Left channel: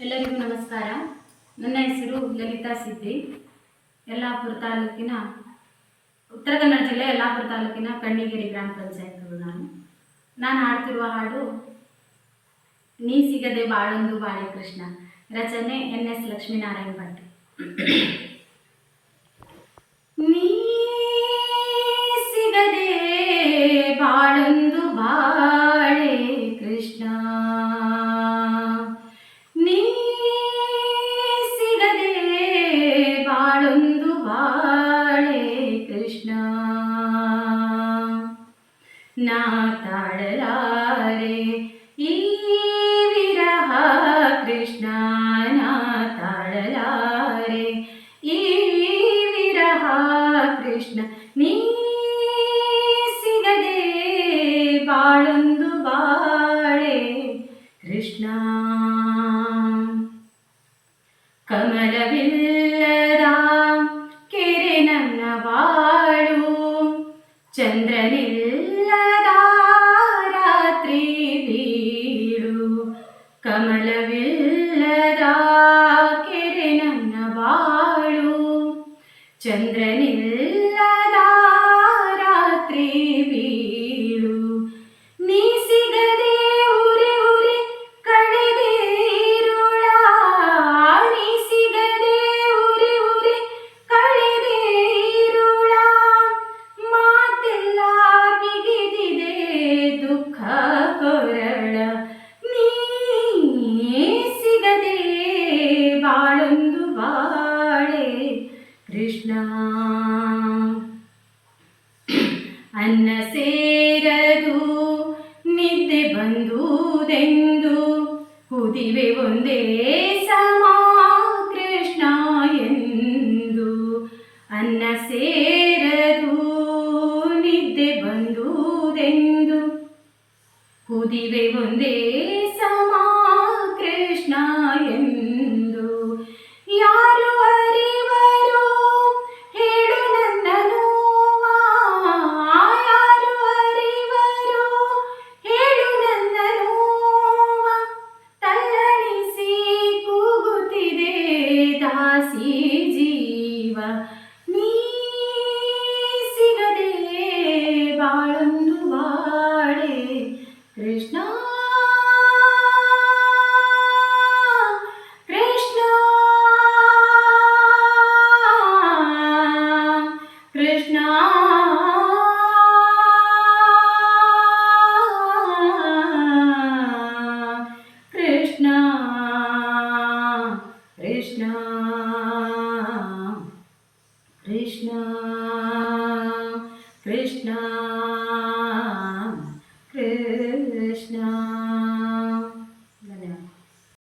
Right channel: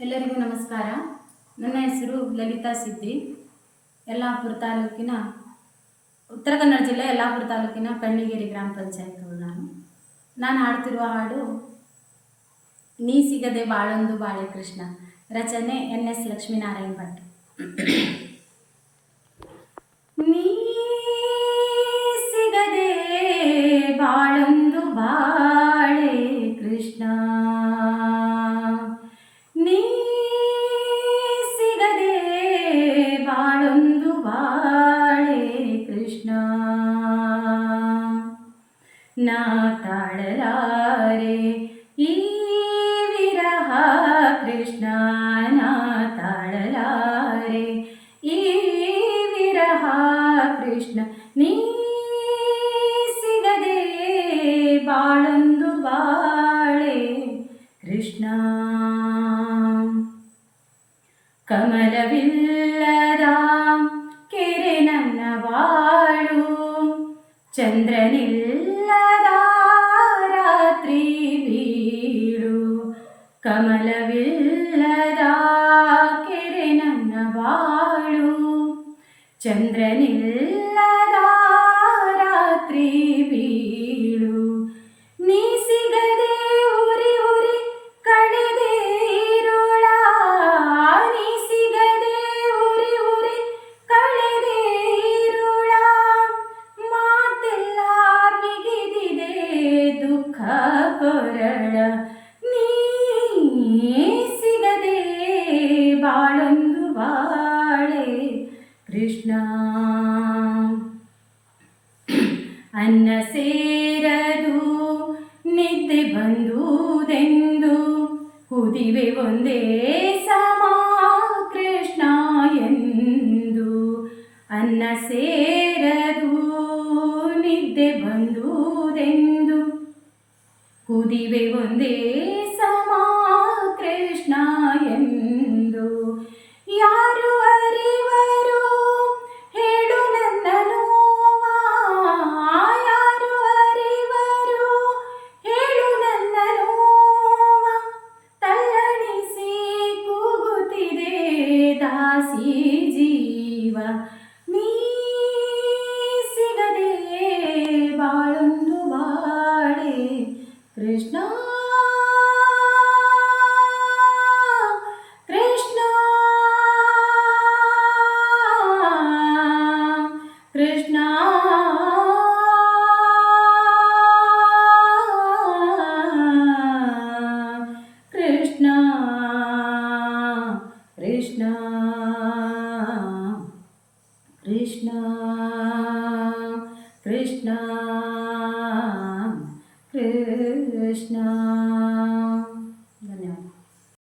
ಎಲ್ಲರಿಗೂ ನಮಸ್ಕಾರ. ನನ್ನ ಹೆಸರು ಲಲಿತಾ ಸಿದ್ದಿ. ಯಲ್ಲಾಪುರ ತಾಲೂಕಿನ ಉತ್ತರ ಕನ್ನಡ ಜಿಲ್ಲೆ ಯಲ್ಲಾಪುರ ತಾಲೂಕಿನ ಕಣ್ಣಿಗೇರಿ ಗ್ರಾಮ ಪಂಚಾಯತ್ ನಾನು ಹಾಡ್ತಿರುವ ಹಾಡು ನೀ ಸಿಗದೆ ಬಾಳೊಂದು ಬಾಳೆ ಕೃಷ್ಣ. ರಚನೆ NS ಲಕ್ಷ್ಮೀನಾರಾಯಣ ಭಟ್. ನೀ ಸಿಗದೆ ಬಾಳೊಂದು ಬಾಳೆ ಕೃಷ್ಣ, ನೀ ಸಿಗದೆ ಬಾಳೊಂದು ಬಾಳೆ ಕೃಷ್ಣ. ನಾ ತಾಳಲಾರೆ ಈ ವಿರಹ ಕೃಷ್ಣ, ನಾ ತಾಳಲಾರೆ ಈ ವಿರಹ ಕೃಷ್ಣ. ನೀ ಸಿಗದೆ ಬಾಳೊಂದು ಬಾಳೆ ಕೃಷ್ಣ. ಕಮಲವಿಲ್ಲದ ಕೆರೆ ನನ್ನ ಬಾಳು, ಚಂದ್ರನಿಲ್ಲದ ರಾತ್ರಿ ಬೀಳು. ಕಮಲವಿಲ್ಲದ ಕೆರೆ ನನ್ನ ಬಾಳು, ಚಂದ್ರನಿಲ್ಲದ ರಾತ್ರಿ ಬೀಳು. ನೀ ಸಿಗದೆ ಉರಿ ಉರಿ ಕಳೆದೆ ಇರುಳ, ನೀ ಸಿಗದೆ ಉರಿ ಉರಿ ಕಳೆದೆ ಇರುಳ. ಮಾತೆಲ್ಲ ಬಿಗಿದಿದೆ ದುಃಖ ಕೊರಳ, ನೀ ಸಿಗದೆ ಬಾಳೊಂದು ಬಾಳೆ ಕೃಷ್ಣ. ಅನ್ನ ಸೇರದು ನಿದ್ದೆ ಬಂದುದೆಂದು ಕುದಿವೆ ಒಂದೇ ಸಮ ಕೃಷ್ಣ ಎಂದು. ಅನ್ನ ಸೇರದು ನಿದ್ದೆ ಬಂದುದೆಂದು ಕುದಿವೆ ಒಂದೇ ಸಮ ಕೃಷ್ಣ ಎಂದು. ಯಾರು ಅರಿವರು ಹೇಳು ನನ್ನ ನೋವ, ಯಾರು ಅರಿವರು ಹೇಳು ನನ್ನ ನೋವ. ತಲ್ಲಣಿಸಿ ಕೂಗುತ್ತಿದೆ ದಾಸಿ ಜೀವ, ನೀ ಸಿಗದೆ ಬಾಳೊಂದು ಬಾಳೆ ಕೃಷ್ಣ. ಕೃಷ್ಣ ಕೃಷ್ಣ ಕೃಷ್ಣ ಕೃಷ್ಣ ಕೃಷ್ಣ ಕೃಷ್ಣ.